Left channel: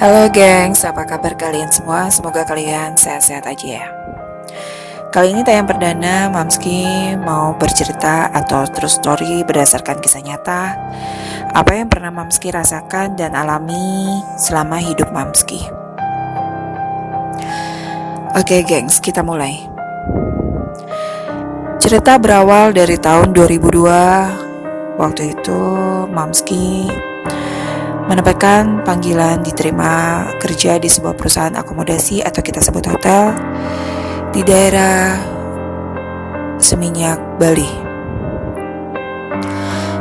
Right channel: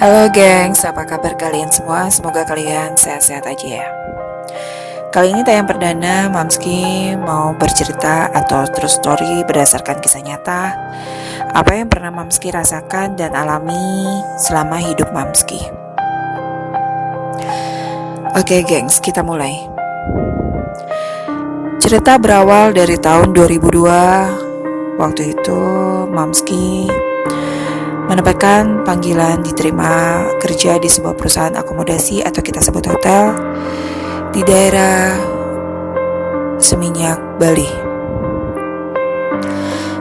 Halo gengs, apa kabar kalian semua? Semoga kalian sehat-sehat aja ya. Kali ini tayang perdana, Mamski mau bercerita atau true story berdasarkan kisah nyata apa yang pernah Mamski rasakan dan alami selama hidup Mamski. Oke gengs, kita mulai. Cerita berawal dari tahun 2002. Waktu itu Mamski menempatkan panggilan diterima kerja di sebuah perusahaan akomodasi atau kita sebut hotel di daerah Seminyak, Bali.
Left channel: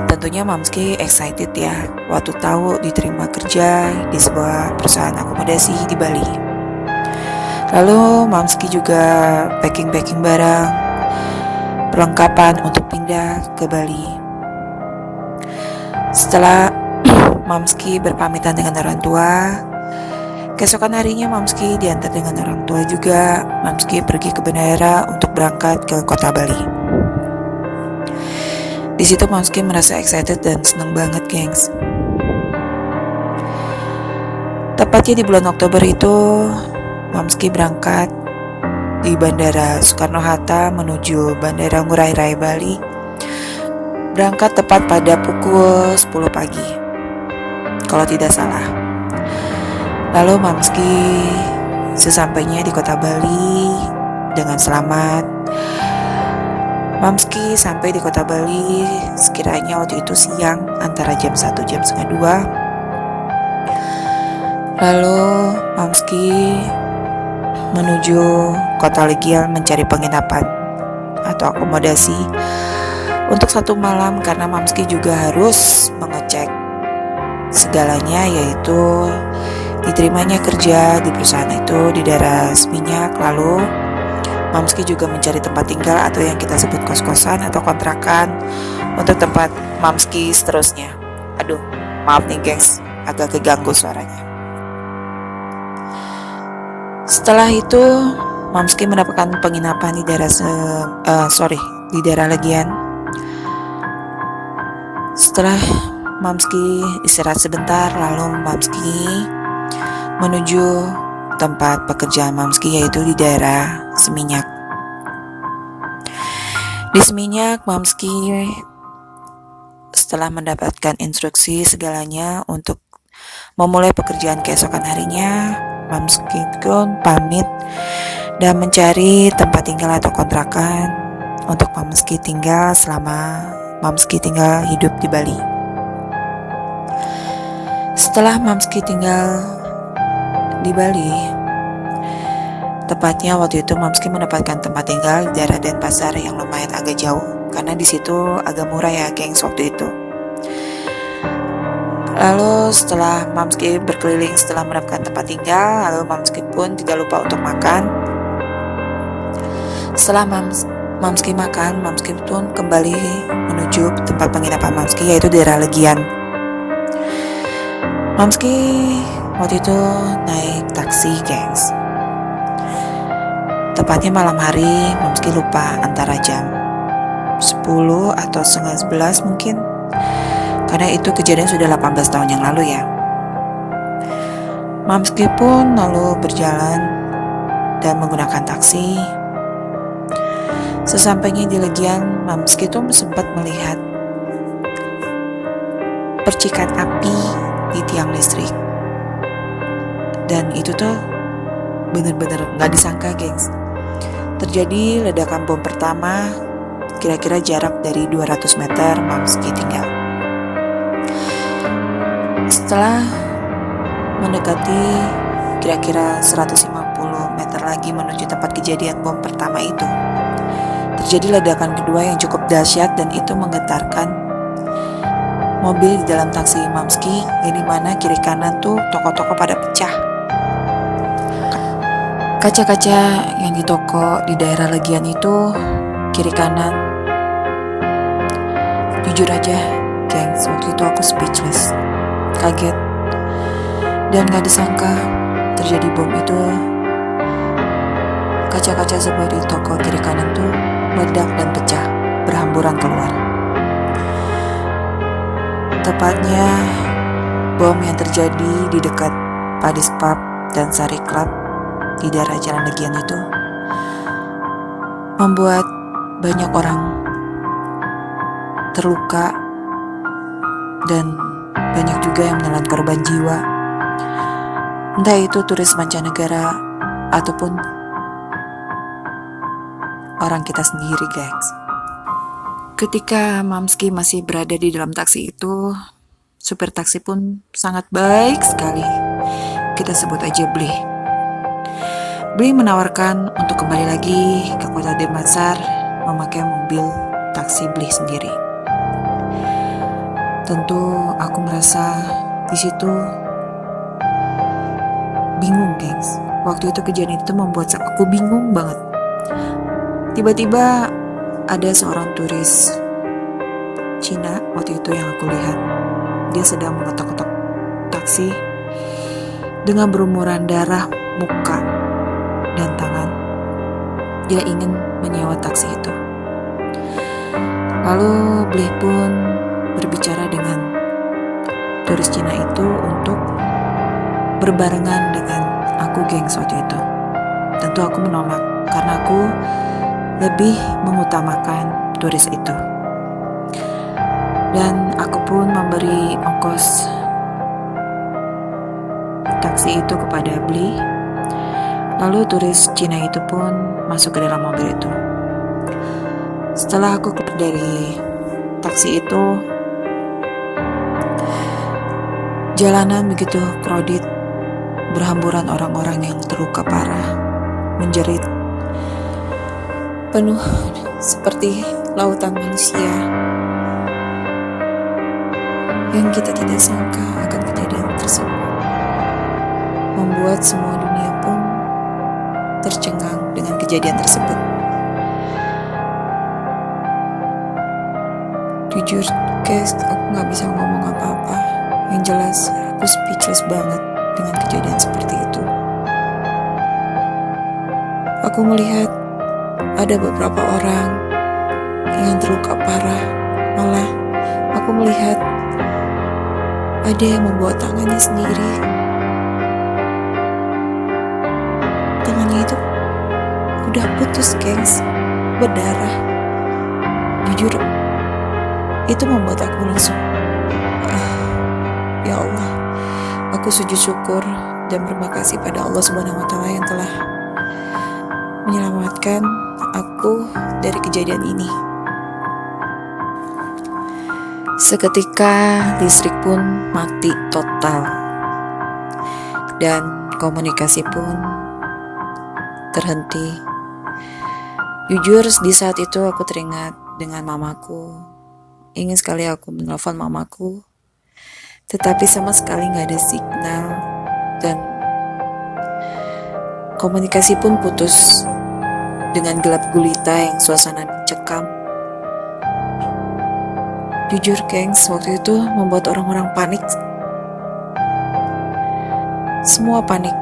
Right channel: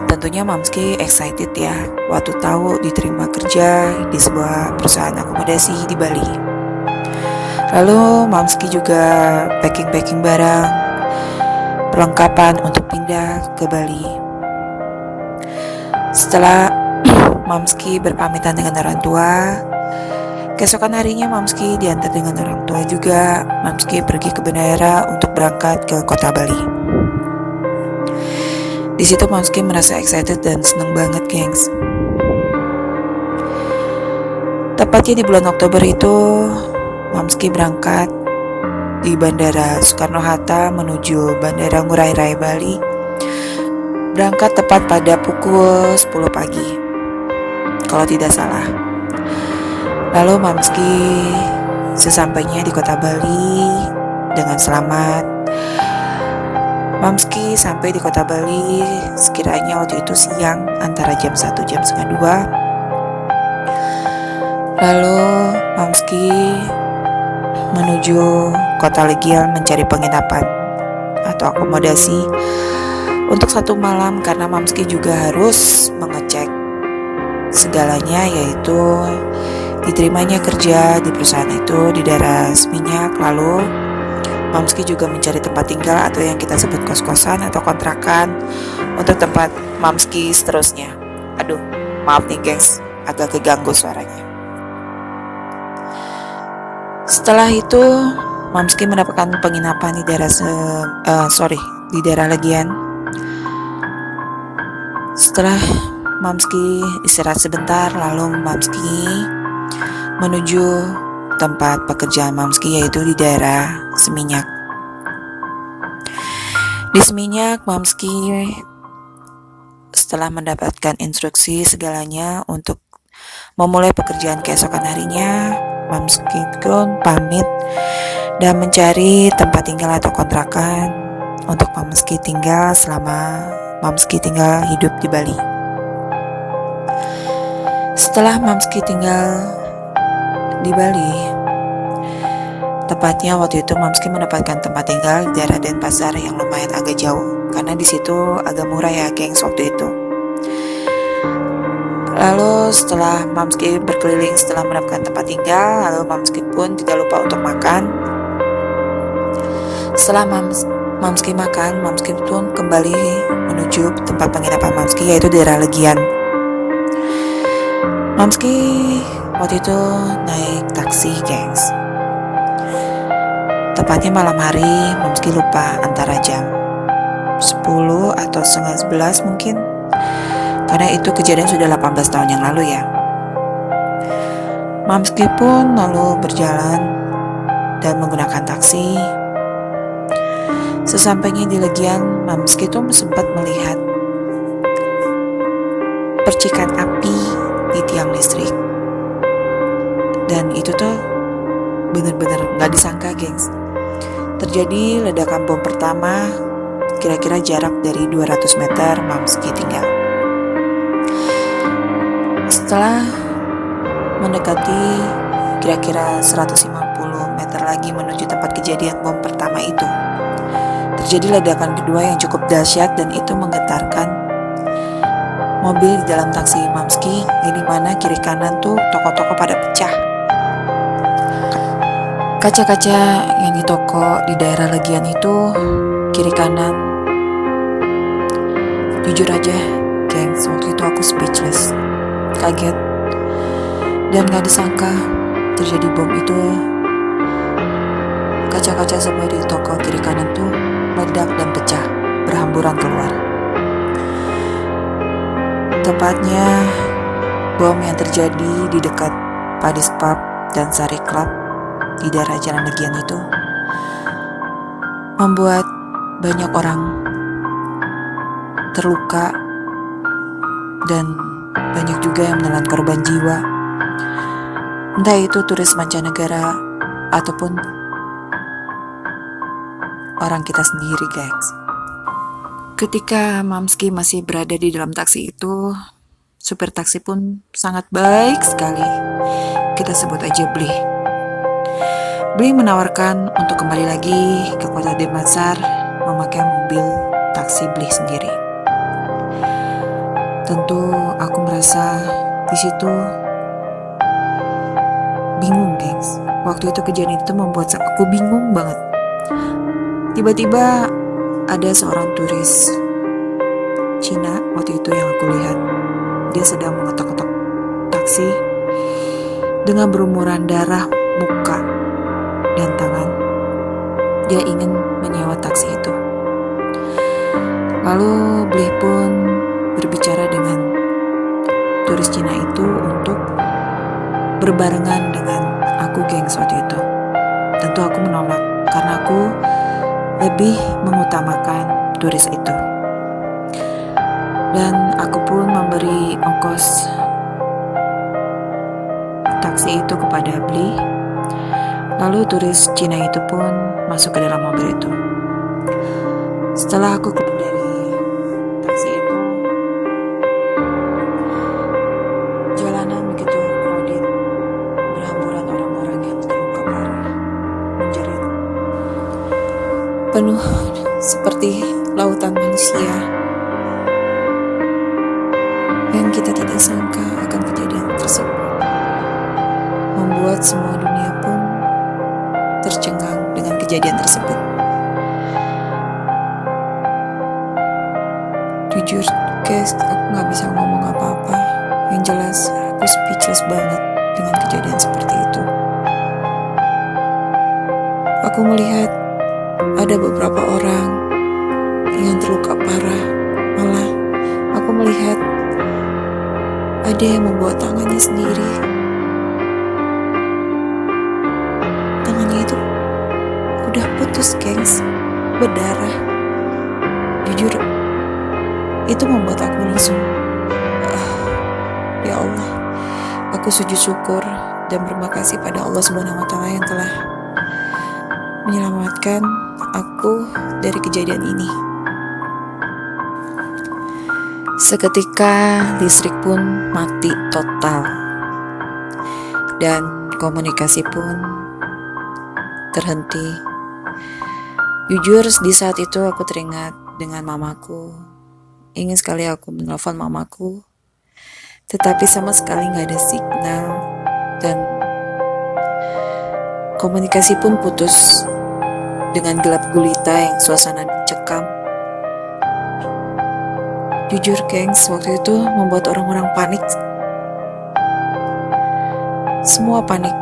Tentunya Mamski excited ya waktu tahu diterima kerja di sebuah perusahaan akomodasi di Bali. Lalu Mamski juga packing barang perlengkapan untuk pindah ke Bali. Setelah Mamski berpamitan dengan orang tua, keesokan harinya Mamski diantar dengan orang tua juga. Mamski pergi ke bandara untuk berangkat ke kota Bali. Di situ Mamski merasa excited dan senang banget, gengs. Tepatnya di bulan Oktober itu, Mamski berangkat di Bandara Soekarno-Hatta menuju Bandara Ngurah Rai Bali. Berangkat tepat pada pukul 10 pagi, kalau tidak salah. Lalu Mamski sesampainya di kota Bali dengan selamat. Mamski sampai di kota Bali sekiranya waktu itu siang, antara jam 1 jam setengah 2. Lalu Mamski menuju kota Legian mencari penginapan atau akomodasi untuk 1 malam, karena Mamski juga harus mengecek segalanya, yaitu diterimanya kerja di perusahaan itu di daerah Seminyak. Lalu Mamski juga mencari tempat tinggal atau yang kita sebut kos-kosan atau kontrakan untuk tempat Mamski seterusnya. Aduh, maaf nih gengs, agak keganggu suaranya. Setelah itu Mamski mendapatkan penginapan di daerah di daerah Legian. Setelah Mamski istirahat sebentar, lalu Mamski menuju tempat pekerjaan Mamski, yaitu di daerah Seminyak. Di Seminyak, Mamski setelah mendapatkan instruksi segalanya untuk memulai pekerjaan keesokan harinya, Mamski pun pamit dan mencari tempat tinggal atau kontrakan untuk Mamski tinggal selama Mamski tinggal hidup di Bali. Setelah Mamski tinggal di Bali, tepatnya waktu itu Mamski mendapatkan tempat tinggal di daerah Denpasar yang lumayan agak jauh, karena di situ agak murah ya gengs waktu itu. Lalu setelah Mamski berkeliling setelah mendapatkan tempat tinggal, lalu Mamski pun tidak lupa untuk makan. Setelah Mamski makan, Mamski pun kembali menuju tempat penginapan Mamski, yaitu daerah Legian. Mamski waktu itu naik taksi, gengs. Tepatnya malam hari, Mamski lupa antara jam 10 atau setengah 11 mungkin, karena itu kejadian sudah 18 tahun yang lalu ya. Mamski pun lalu berjalan dan menggunakan taksi. Sesampainya di Legian, Mamski tuh sempat melihat percikan api di tiang listrik. Dan itu tuh bener-bener gak disangka, gengs. Terjadi ledakan bom pertama, kira-kira jarak dari 200 meter Mamski tinggal. Setelah mendekati kira-kira 150 meter lagi menuju tempat kejadian bom pertama itu, terjadi ledakan kedua yang cukup dahsyat, dan itu menggetarkan mobil di dalam taksi Mamski, yang dimana kiri kanan tuh toko-toko pada pecah. Kaca-kaca yang di toko di daerah Legian itu kiri kanan, jujur aja gengs, waktu itu aku speechless, kaget, dan gak disangka terjadi bom itu. Kaca-kaca semua di toko kiri kanan tuh meledak dan pecah, berhamburan keluar. Tepatnya bom yang terjadi di dekat Padis Pub dan Sari Club di daerah Jalan Legian itu membuat banyak orang terluka dan banyak juga yang menelan korban jiwa. Entah itu turis mancanegara ataupun orang kita sendiri, guys. Ketika Mamski masih berada di dalam taksi itu, supir taksi pun sangat baik sekali. Kita sebut aja Bli. Bli menawarkan untuk kembali lagi ke kota Denpasar memakai mobil taksi Bli sendiri. Tentu aku merasa di situ bingung, gengs. Waktu itu kejadian itu membuat aku bingung banget. Tiba-tiba ada seorang turis Cina waktu itu yang aku lihat. Dia sedang mengetok-ketok taksi dengan berumuran darah muka dan tangan. Dia ingin menyewa taksi itu. Lalu Bli pun berbicara dengan turis Cina itu untuk berbarengan dengan aku, gengs, waktu itu. Tentu aku menolak karena aku lebih mengutamakan turis itu. Dan aku pun memberi ongkos taksi itu kepada Bli. Lalu turis Cina itu pun masuk ke dalam mobil itu. Setelah aku keluar dari taksi itu, jalanan begitu crowded, berhamburan orang-orang yang terluka parah, menjerit, penuh seperti lautan manusia. Yang kita tidak sangka akan kejadian tersebut membuat semua dunia pun tercengang dengan kejadian tersebut. Jujur guys, aku gak bisa ngomong apa-apa. Yang jelas aku speechless banget dengan kejadian seperti itu. Aku melihat ada beberapa orang yang terluka parah. Malah aku melihat ada yang membawa tangannya sendiri. Tangannya itu udah putus, gengs, berdarah. Jujur, itu membuat aku langsung, ya Allah, aku sujud syukur dan berterima kasih pada Allah Subhanahu wa Ta'ala yang telah menyelamatkan aku dari kejadian ini. Seketika listrik pun mati total dan komunikasi pun terhenti. Jujur di saat itu aku teringat dengan mamaku. Ingin sekali aku menelpon mamaku, tetapi sama sekali gak ada signal dan komunikasi pun putus dengan gelap gulita yang suasana mencekam. Jujur gengs, waktu itu membuat orang-orang panik. Semua panik.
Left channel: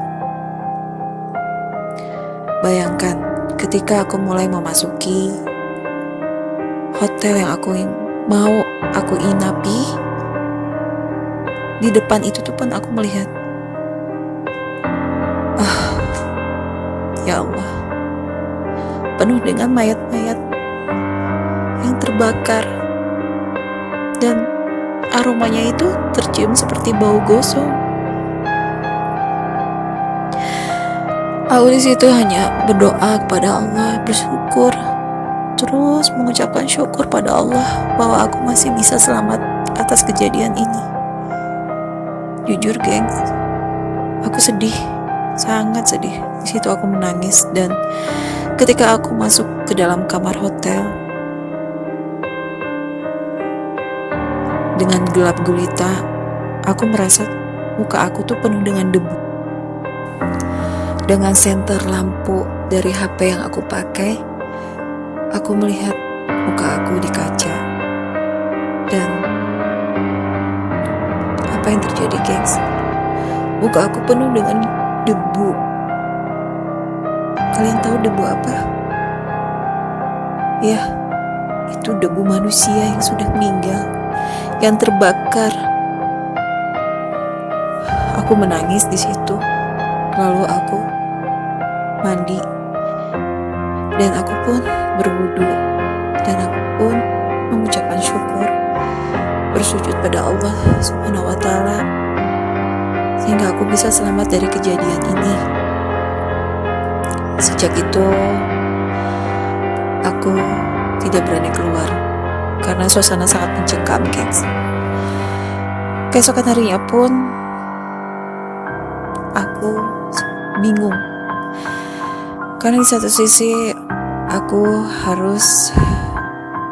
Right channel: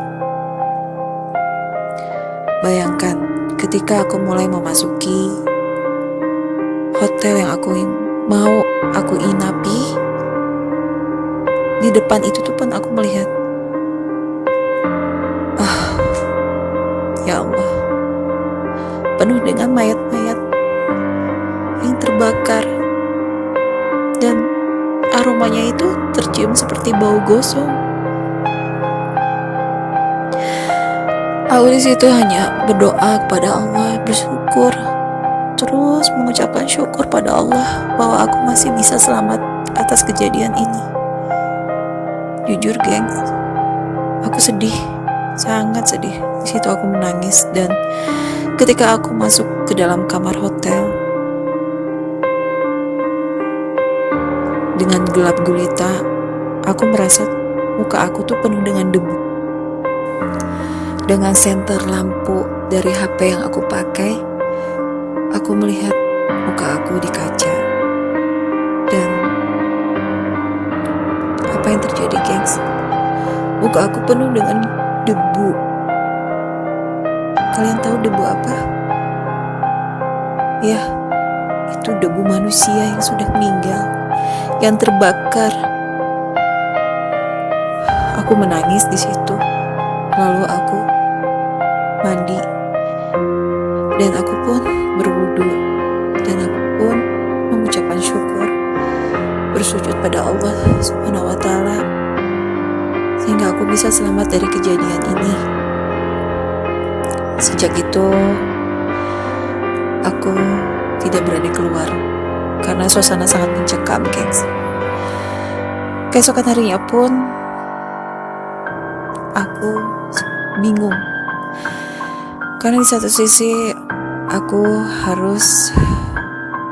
Bayangkan ketika aku mulai memasuki hotel yang mau aku inapi, di depan itu tuh pun aku melihat, ya Allah, penuh dengan mayat-mayat yang terbakar dan aromanya itu tercium seperti bau gosong. Aku di situ hanya berdoa kepada Allah, bersyukur, terus mengucapkan syukur pada Allah bahwa aku masih bisa selamat atas kejadian ini. Jujur gengs, aku sedih, sangat sedih. Di situ aku menangis dan ketika aku masuk ke dalam kamar hotel dengan gelap gulita, aku merasa muka aku tuh penuh dengan debu. Dengan senter lampu dari HP yang aku pakai, aku melihat muka aku di kaca. Dan apa yang terjadi, gengs? Muka aku penuh dengan debu. Kalian tahu debu apa? Ya, itu debu manusia yang sudah meninggal, yang terbakar. Aku Aku menangis di situ. Lalu aku mandi dan aku pun berwudu dan aku pun mengucapkan syukur, bersujud pada Allah Subhanahu wa taala sehingga aku bisa selamat dari kejadian ini. Sejak itu aku tidak berani keluar karena suasana sangat mencekam, gengs. Keesokan harinya pun aku bingung karena di satu sisi aku harus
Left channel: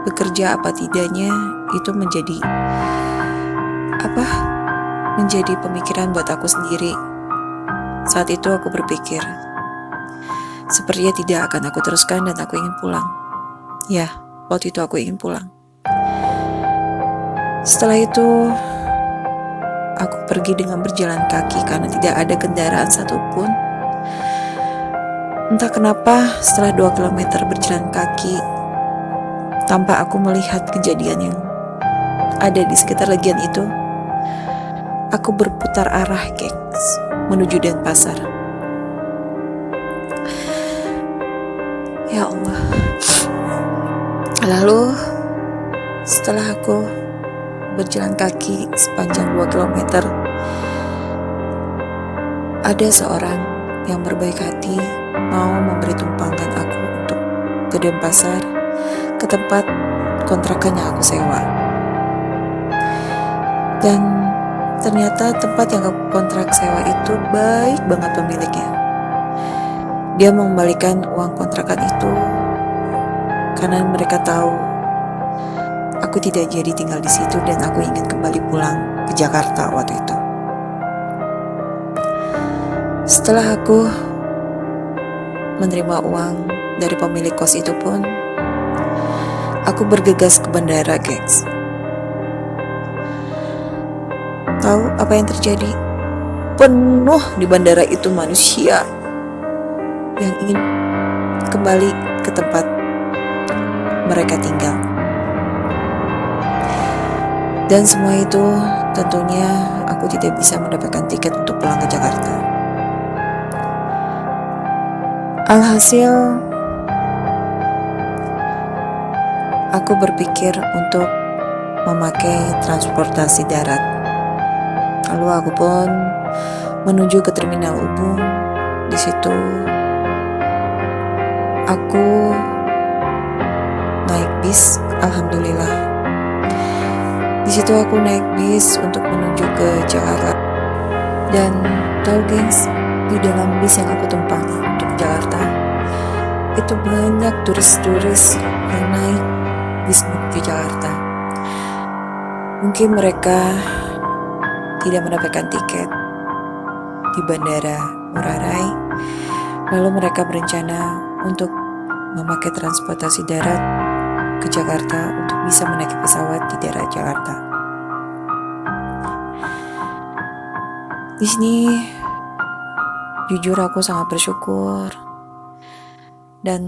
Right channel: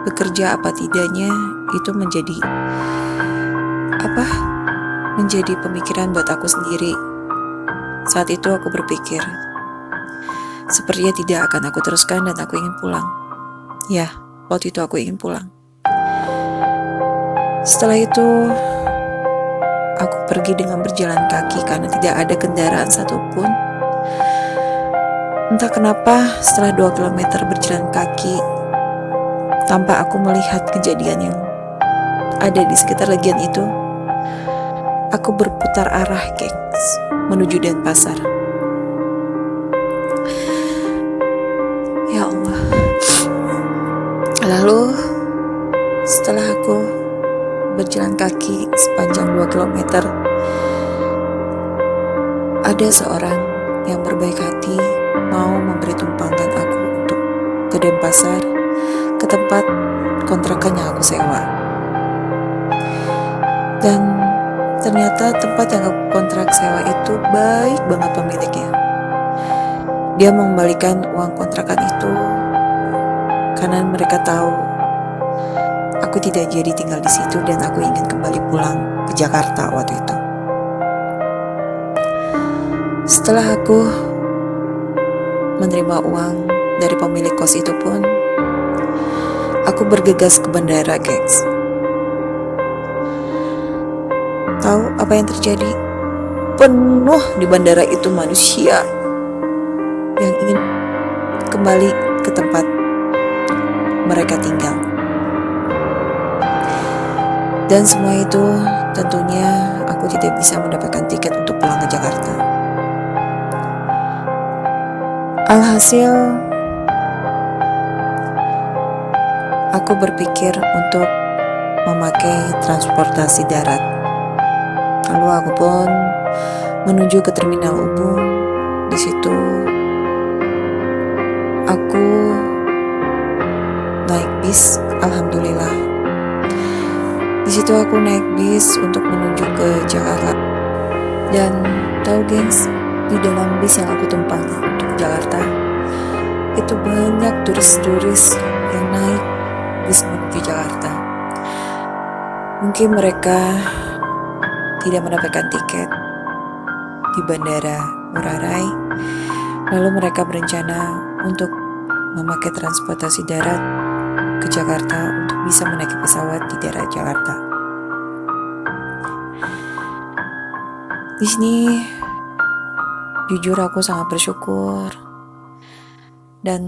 bekerja apa tidaknya itu menjadi pemikiran buat aku sendiri. Saat itu aku berpikir sepertinya tidak akan aku teruskan dan aku ingin pulang. Ya, waktu itu aku ingin pulang. Setelah itu aku pergi dengan berjalan kaki karena tidak ada kendaraan satupun. Entah kenapa setelah 2 kilometer berjalan kaki, tanpa aku melihat kejadian yang ada di sekitar legian itu, aku berputar arah, gengs, menuju Denpasar. Ya Allah. Lalu setelah aku berjalan kaki sepanjang 2 kilometer, ada seorang yang berbaik hati mau memberi tumpangan aku untuk ke Denpasar, ke tempat kontrakan yang aku sewa. Dan ternyata tempat yang aku kontrak sewa itu baik banget pemiliknya. Dia mengembalikan uang kontrakan itu karena mereka tahu aku tidak jadi tinggal di situ dan aku ingin kembali pulang ke Jakarta waktu itu. Setelah aku menerima uang dari pemilik kos itu pun, aku bergegas ke bandara, gengs. Tahu apa yang terjadi? Penuh di bandara itu manusia yang ingin kembali ke tempat mereka tinggal. Dan semua itu tentunya aku tidak bisa mendapatkan tiket untuk pulang ke Jakarta. Alhasil, aku berpikir untuk memakai transportasi darat. Lalu aku pun menuju ke Terminal Ubung. Di situ aku naik bis, alhamdulillah. Di situ aku naik bis untuk menuju ke Jakarta. Dan tahu, gengs, di dalam bis yang aku tumpangi untuk Jakarta, itu banyak turis-turis yang naik bis menuju Jakarta. Mungkin mereka tidak mendapatkan tiket di Bandara Ngurah Rai, lalu mereka berencana untuk memakai transportasi darat ke Jakarta untuk bisa menaiki pesawat di daerah Jakarta. Di sini jujur aku sangat bersyukur dan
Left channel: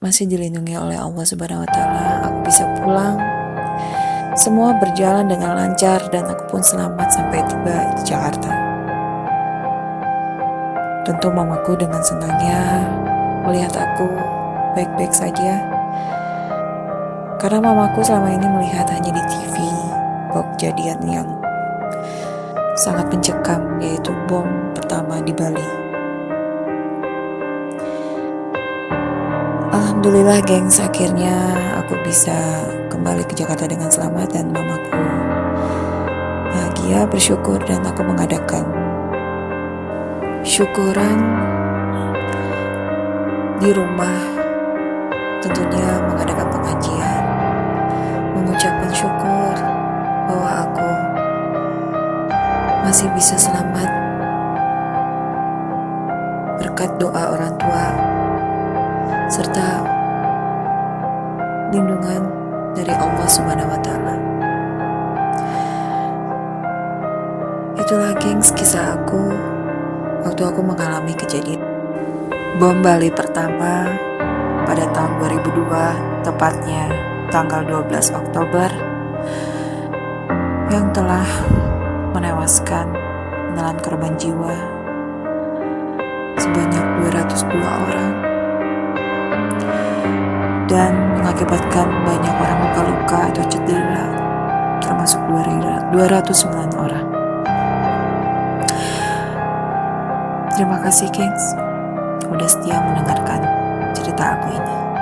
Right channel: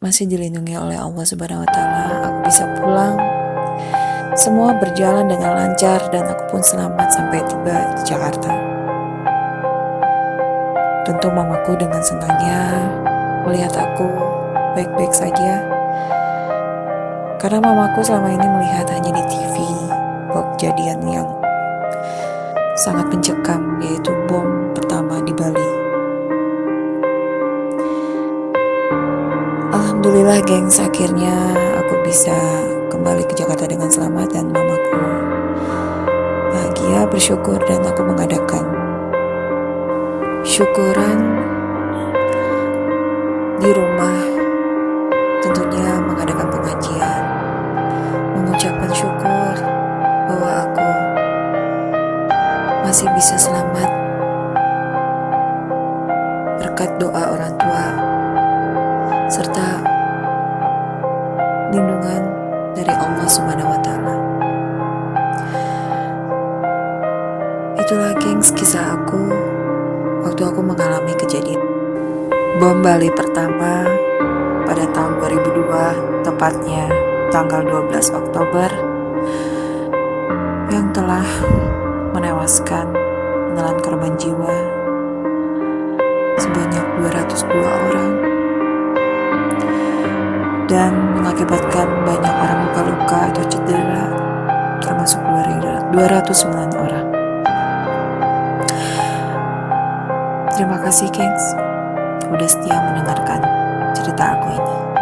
masih dilindungi oleh Allah Subhanahu wa taala. Aku bisa pulang. Semua berjalan dengan lancar dan aku pun selamat sampai tiba di Jakarta. Tentu mamaku dengan senangnya melihat aku baik-baik saja. Karena mamaku selama ini melihat hanya di TV bahwa kejadian yang sangat mencekam, yaitu bom pertama di Bali. Alhamdulillah, gengs, akhirnya aku bisa kembali ke Jakarta dengan selamat dan mamaku bahagia, bersyukur, dan aku mengadakan syukuran di rumah, tentunya mengadakan pengajian, mengucapkan syukur bahwa aku masih bisa selamat berkat doa orang tua serta lindungan dari Allah Subhanahu wa taala. Itulah, gengs, kisah aku waktu aku mengalami kejadian bom Bali pertama pada tahun 2002, tepatnya tanggal 12 Oktober, yang telah menewaskan menelan korban jiwa sebanyak 202 orang dan mengakibatkan banyak orang luka-luka atau cedera, termasuk 209 orang. Terima kasih, Kings, udah setia mendengarkan cerita aku ini.